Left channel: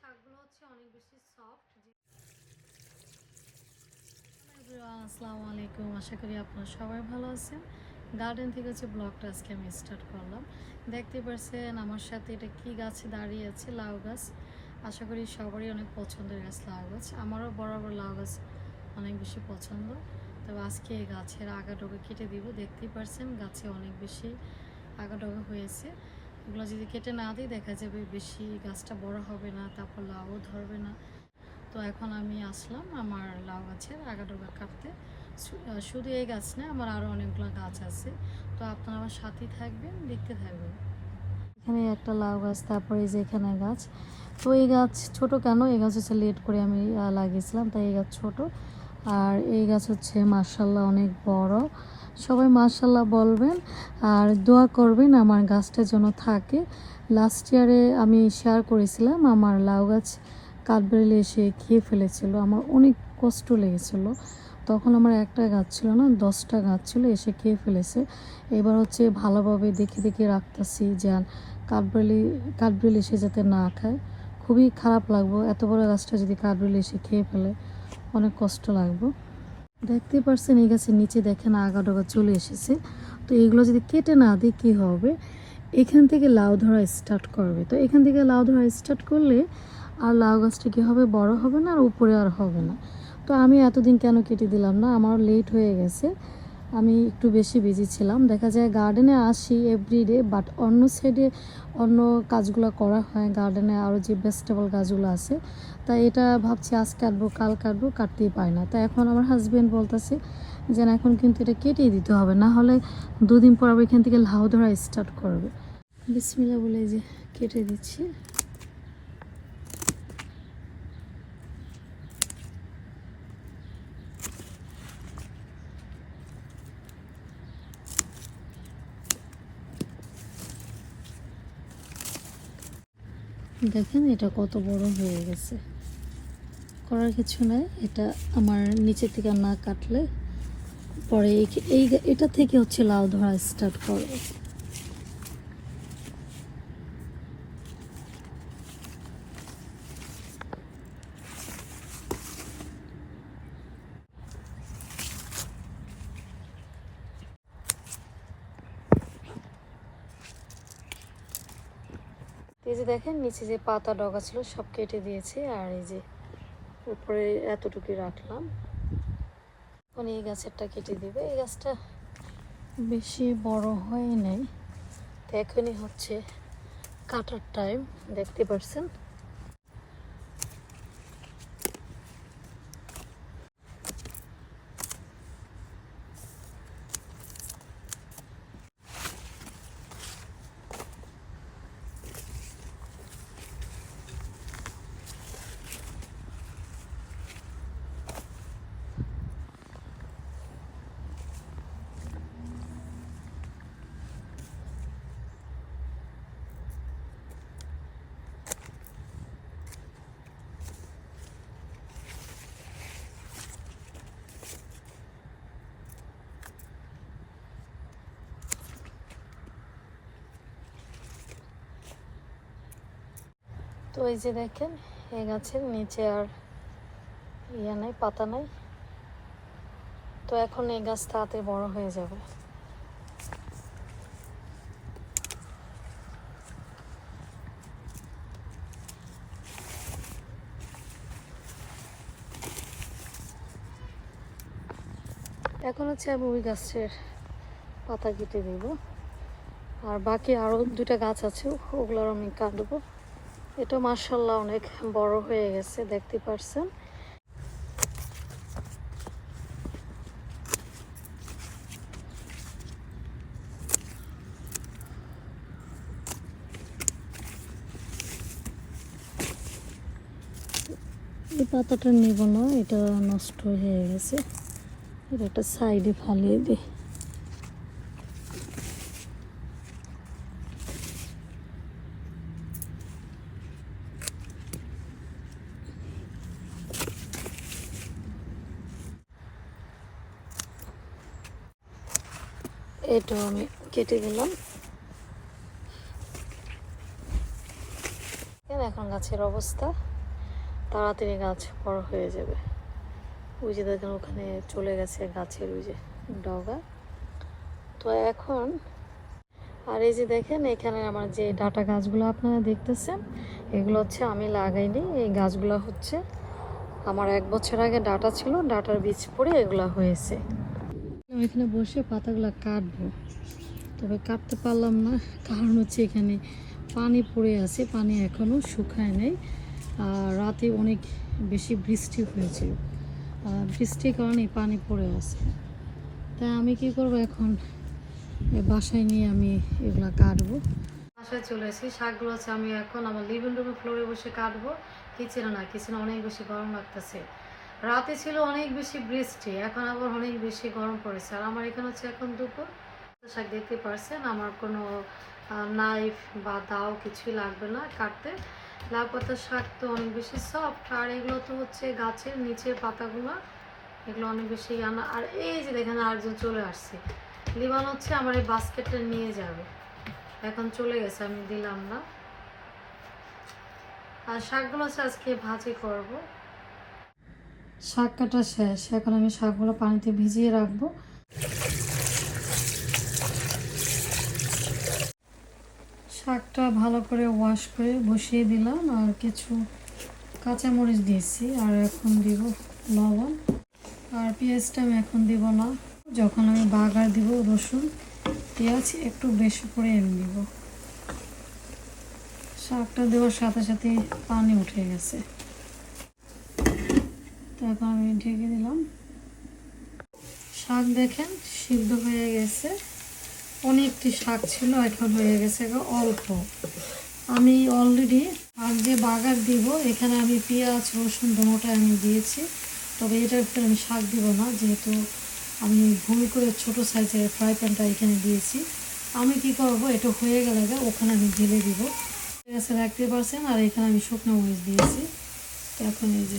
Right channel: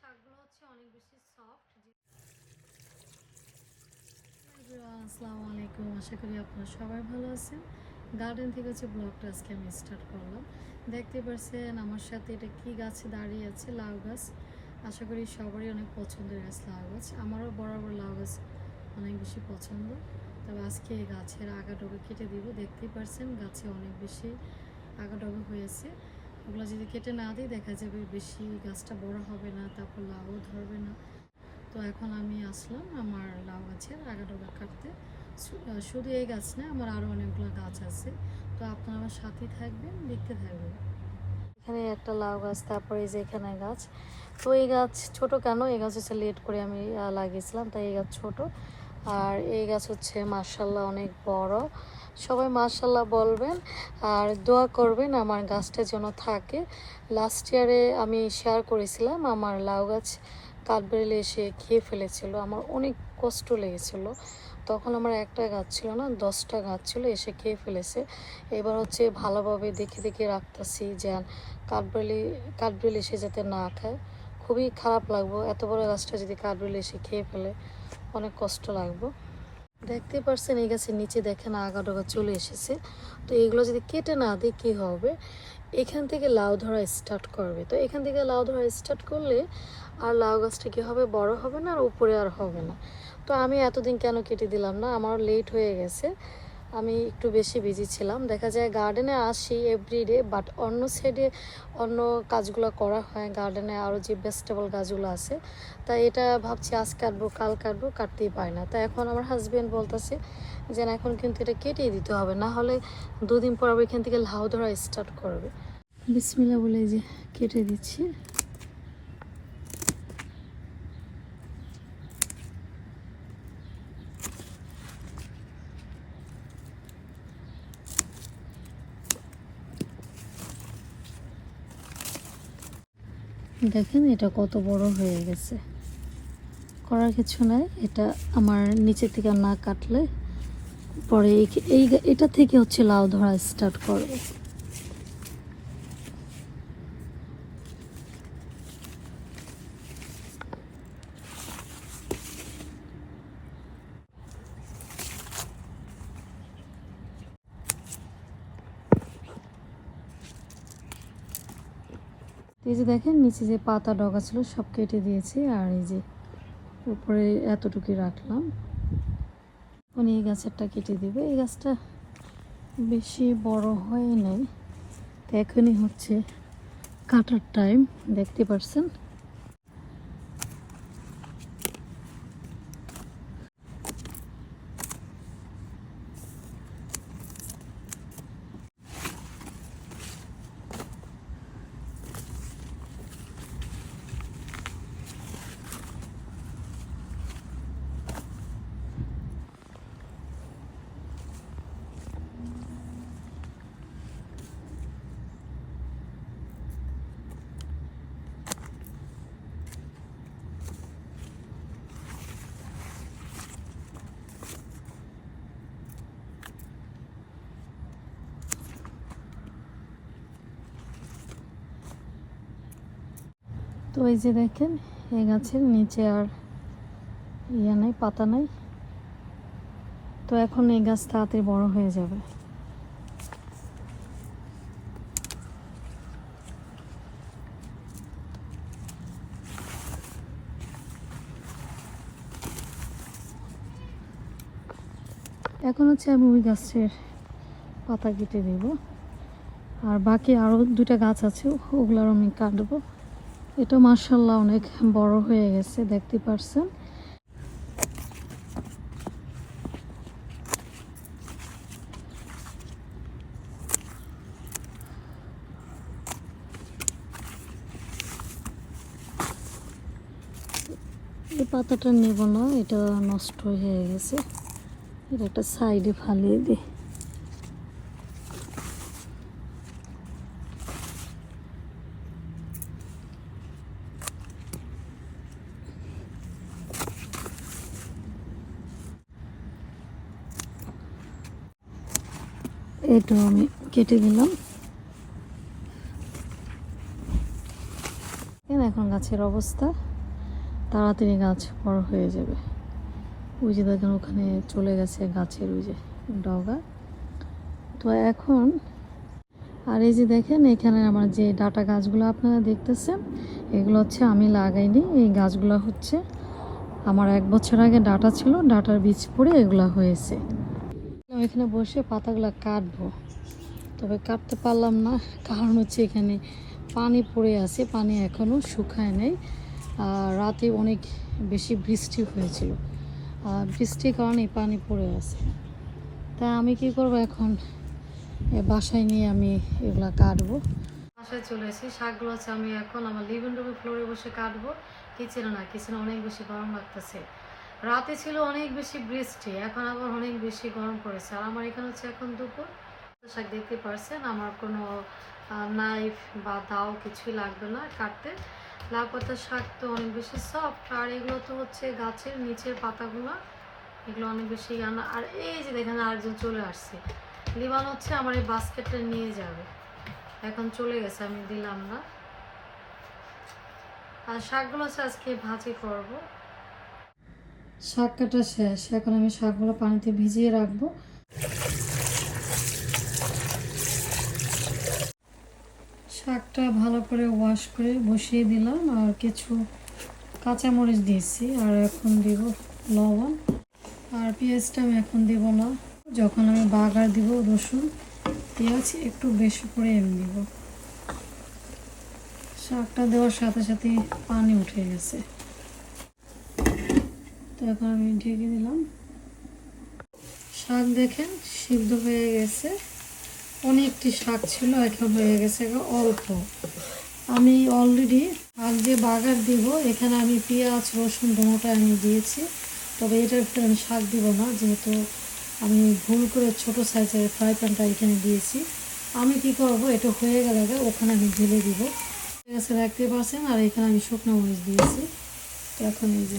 শাকগুলো হচ্ছে অনেক বেশি সফট আসসালামু আলাইকুম। আশা করি আপনারা সবাই ভালো আছেন। গার্ডেন থেকে হচ্ছে ব্লগটা আজকে আমি স্টার্ট করলাম, দেখতে পারছেন আমার সাথে এটা কি গাছে দাঁড়িয়ে আছে? লাউ গাছ। আশা করি সবারই অনেক পছন্দের গাছ লাউ গাছ। আমারও বরাবর লাউ গাছ অনেক বেশি পছন্দ। তবে আজকে এই গাছের আগাডোগা কেটে দিব। দেখতেই পারছেন গাছে অনেক বেশি আগাডোগা হয়েছে। এগুলো যদি কেটে না দিই, দেখা যাবে বেশি গাছটা বড় হবে না, তারপর লাউও ধরবে না। তো এখন আমি আসলাম, আমার লাউ গাছের আগাডোগা কাটতে। শুধু এই গাছ না, আমার আরও অনেকগুলো গাছ আছে। তো আপনারা আমার সাথেই থাকবেন, দেখতে থাকবেন। এখানে একটা লাউ গাছ, তারপরে যে এখানে গাছ। তো এই গাছ ছোট কেন? এই গাছ হচ্ছে লেট করে আমি লাগিয়েছিলাম, তাই এই গাছ ছোট। আর এই গাছ হচ্ছে মার্শাল্লাহ অনেক বড়। সবাই মার্শাল্লাহ বলবেন আর দোয়া করবেন আমার গাছটা যেন থাকে। লাস্ট ইয়ারে আমি শেয়ার করেছিলাম, আমার লাউ গাছ কাঠবেড়ালি এসে খেয়ে ফেলেছিল, আমার অনেক কষ্ট লেগেছিল। তখন আমার একটা গাছ ছিল না, দশটা গাছ ছিল, এসে খেয়ে ফেলেছে। এবার হচ্ছে ভালোভাবে দেখে দেখে রাখতেছি যে কাঠবেড়ালি কাঠবেড়ালি এসে যাতে না খায়। খুবই খারাপ লাগবো, এত বড় গাছটা যদি কাঠবেড়ালি এসে খেয়ে ফেলে, অনেক কষ্ট লাগবে। দেখতে পারছেন, এই গাছের নিচে দেখেন আগাডোগা চলে এসেছে। তো এগুলো যদি কেটে না দিই, কী হবে? এখান থেকে লাউ ধরা স্টার্ট করবে। তো এখান থেকে লাউ ধরা স্টার্ট করলে আর লাউ গাছটা কী হবে? বড় হবে না আর উপরে আর হবে না। তো আমি এতদিন কেন কেটে দিলাম না? আমারও লেট হয়ে গেছে। আমি একটু বেশি বিজি ছিলাম। দেখা যায় গার্ডেনে আসি এভরিডে বাট অন্য সাইডে অন্য কাজগুলো করা হয়। গার্ডেনে আরও যে ভেজিটেবল গাছগুলো আছে তাই এটা ভাবছি আজ কাটবো, কাল কাটবো, কাটতেই পারি না। তাই এখন আমার হাজব্যান্ড বলতেছে যে এখন কিন্তু এটা কেটেই দিতে হবে। না হলে দুদিন পর এখান থেকে লাউ ধরা স্টার্ট করবে। বিসমিল্লা বলে যে কেটে দিচ্ছি। দেখেন এটা কত বড় হয়ে গেছে। করার কিছু নাই, এটা আমার নিচে থেকে না কাটলে পরে এই- এটা থেকে হচ্ছে লাউ ধরা স্টার্ট করবে। এই যে দেখেন, নিচে যে পাতা ডগা ছিল সব কেটে দিয়েছে, আর এই যে উপরে এতটুকু রাখলাম। মানে এই গাছেরটা কেটে দেবে। এই গাছটা বেশি বড় হয় নাই এখনই হচ্ছে কাটার টাইম দেখতে পারছেন? তো এই যে দেখেন, এই গাছের নিচে আর ইয়ে নেই, পাতা নেই। তো এখন এই গাছ তাড়াতাড়ি বড় হয়ে যাবে। এখন হচ্ছে আমি ওই গাছের পাতা কেটে দিব। আর বাকি আরও দুটা গাছ আছে, ওগুলোর আমি কাটবো। এটা মার্শাল্লাহ অনেক বড় হয়ে গেছে, দেখতে পারছেন? পাতাটা নেব না, এটা নষ্ট হয়ে গেছে। এটা একটা সাইডে ফালিয়ে দিই। এটা আমি কেটে দেখেন এখন গাছের অবস্থা? তাড়াতাড়ি গাছ বড় হয়ে যাবে। ওই যে দেখেন ওখানে চলে গেছে গাছের ওই যে ডগা। তো এখন, আর এই যে দেখেন এখানে আমার যে ডাটা গাছগুলো আপনারা দেখতেছেন, এগুলো হচ্ছে আমি লাগাইনি। এই গাছগুলো হচ্ছে আমার এক বছর আগে ডাটা ছিল, ডাটার বীজ পড়ে এগুলো হয়েছে। আমি এখানে বসে পাতাগুলো কাটবো। তবে কাটতে পারলাম না, কারণ হচ্ছে এখানে পানি পড়ে আছে, পানি এখনও শুকায় নেই। রাতে অনেক বেশি বৃষ্টি হয়েছিল। বৃষ্টির কারণে পানি পড়ে আছে। তাই আমি কি করব এখন? বাসায় নিয়ে আমি এগুলা কাটবো। বাসায় চলে এসেছি শাকগুলো হচ্ছে আমি এখন আমার লিভিং রুমে ফ্লোরে বসে কাটবো। কিচেনে না কিচেনে অনেক বেশি গরম লাগতেছে। রাতে ছিল অনেক বেশি বৃষ্টি, এখন আবার অনেক বেশি গরম পড়েছে। আর আমার এখানে হচ্ছে এখন দুপুর। শাক দেখতে পারছেন, আমার কোনো নাইফ বা দাও কিছুই লাগবে না কাটতে। লাউ পাতার শাক তো অনেক বেশি সফট আর এগুলো তো হচ্ছে গাছের নিচের পাতাগুলো, এগুলো অনেক বেশি আনা। আর এই যে দেখেন আরেকজন চলে আসছে। লিবান হচ্ছে আমার এই বাস্কেটটা নিয়ে যাবে। এখন চলে গেছে, আমি দিলাম না। আর শাকগুলো হচ্ছে আজকে ভাজি করব। শাক কাটা শেষ। এখন আমি শাকগুলো পানিতে ভিজিয়ে রাখব। শাকটা ভালো করে ওয়াশ করে বসিয়ে দিলাম আর কিছু কাঁচামরিচ দিয়েছি। আর এখন দিব লবণ। আর পেঁয়াজটা আমি এখন দিব না। যখন আমি বাগার দিব রসুন, পেঁয়াজ একটু বেশি করে এনে দিব। শাকটা দেওয়ার সাথে সাথে পানি উঠে গেছে। এখন আমি ঢেকে দিলাম। শাক দেখেন, সিদ্ধ হয়ে গেছে। অনেকটি শাক ছিল, এখন হয়ে গেছে অল্প। আমি অলরেডি আর যে বাগার দিব, এখানে আমি পেঁয়াজ, রসুন দুটোটা আমি দিয়েছি। তবে এটার ভিতরে আমি শাক দিব না, যেহেতু আমি ভুল করে ছোট সাইজের ফ্রাই প্যানটা এখানে দিয়েছি। আমি কি করব, এটা হয়ে গেলে ওখানে আমি ঢেলে দিব। ঠিক আছে দেখতে পাচ্ছেন আর এখানে আমি শুকনো মরিচ দিয়েছি। এখন এই যে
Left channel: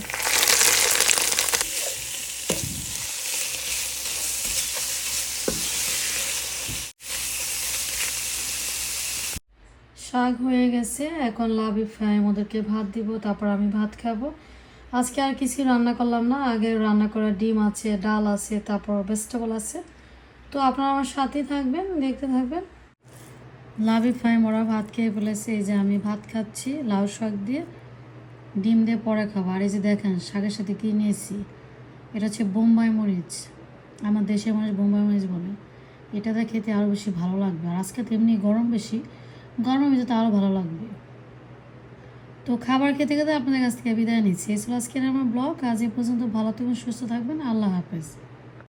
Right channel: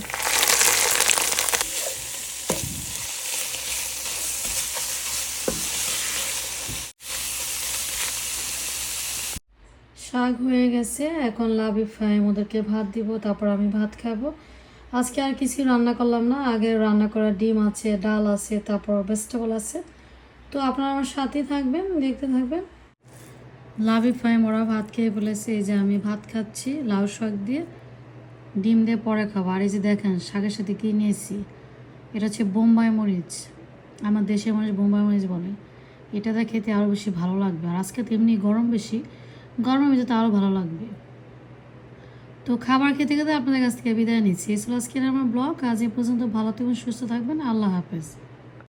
শাক হয়ে গেছে, এখন লাভি ফ্রাই ওদেরকে ভাত দিব, তারপর আমি ভাত খাব। আজকে আর কিছু রান্না করলাম না, আগে রান্না করা ডিম আছে, ডাল আছে, তারপর ভেজিটেবল আছে। তো আপনারা আমার সাথেই থাকবেন, দেখতে থাকবেন। লাভি ফ্রাই ওরা ভাত খেয়ে বলেছে এই যে আমি ভাত খাচ্ছি, লাউ শাক দিয়ে। ডিম দিয়ে পরে খাব। আর এই যে দেখেন, শাকের সাথে কী নিয়েছি? এটা হচ্ছে বোম্বাই মরিচ। আমার দেশের মানুষ বোম্বাই মরিচ বলে। এটাতে খেতে আরও বেশি ভালো লাগবে। আর আজকে তো এমনি গরম বেশি গরমের ভিতরে আরও ভালো লাগবে। তো খাবার খেতে খেতে আপনাদের কাছ থেকে বিদায় নিচ্ছি। এছাড়া আজকের আমার ব্লগ। আজ এ পর্যন্ত ভালো থাকবেন, সুস্থ থাকবেন। আল্লাহ হাফেজ।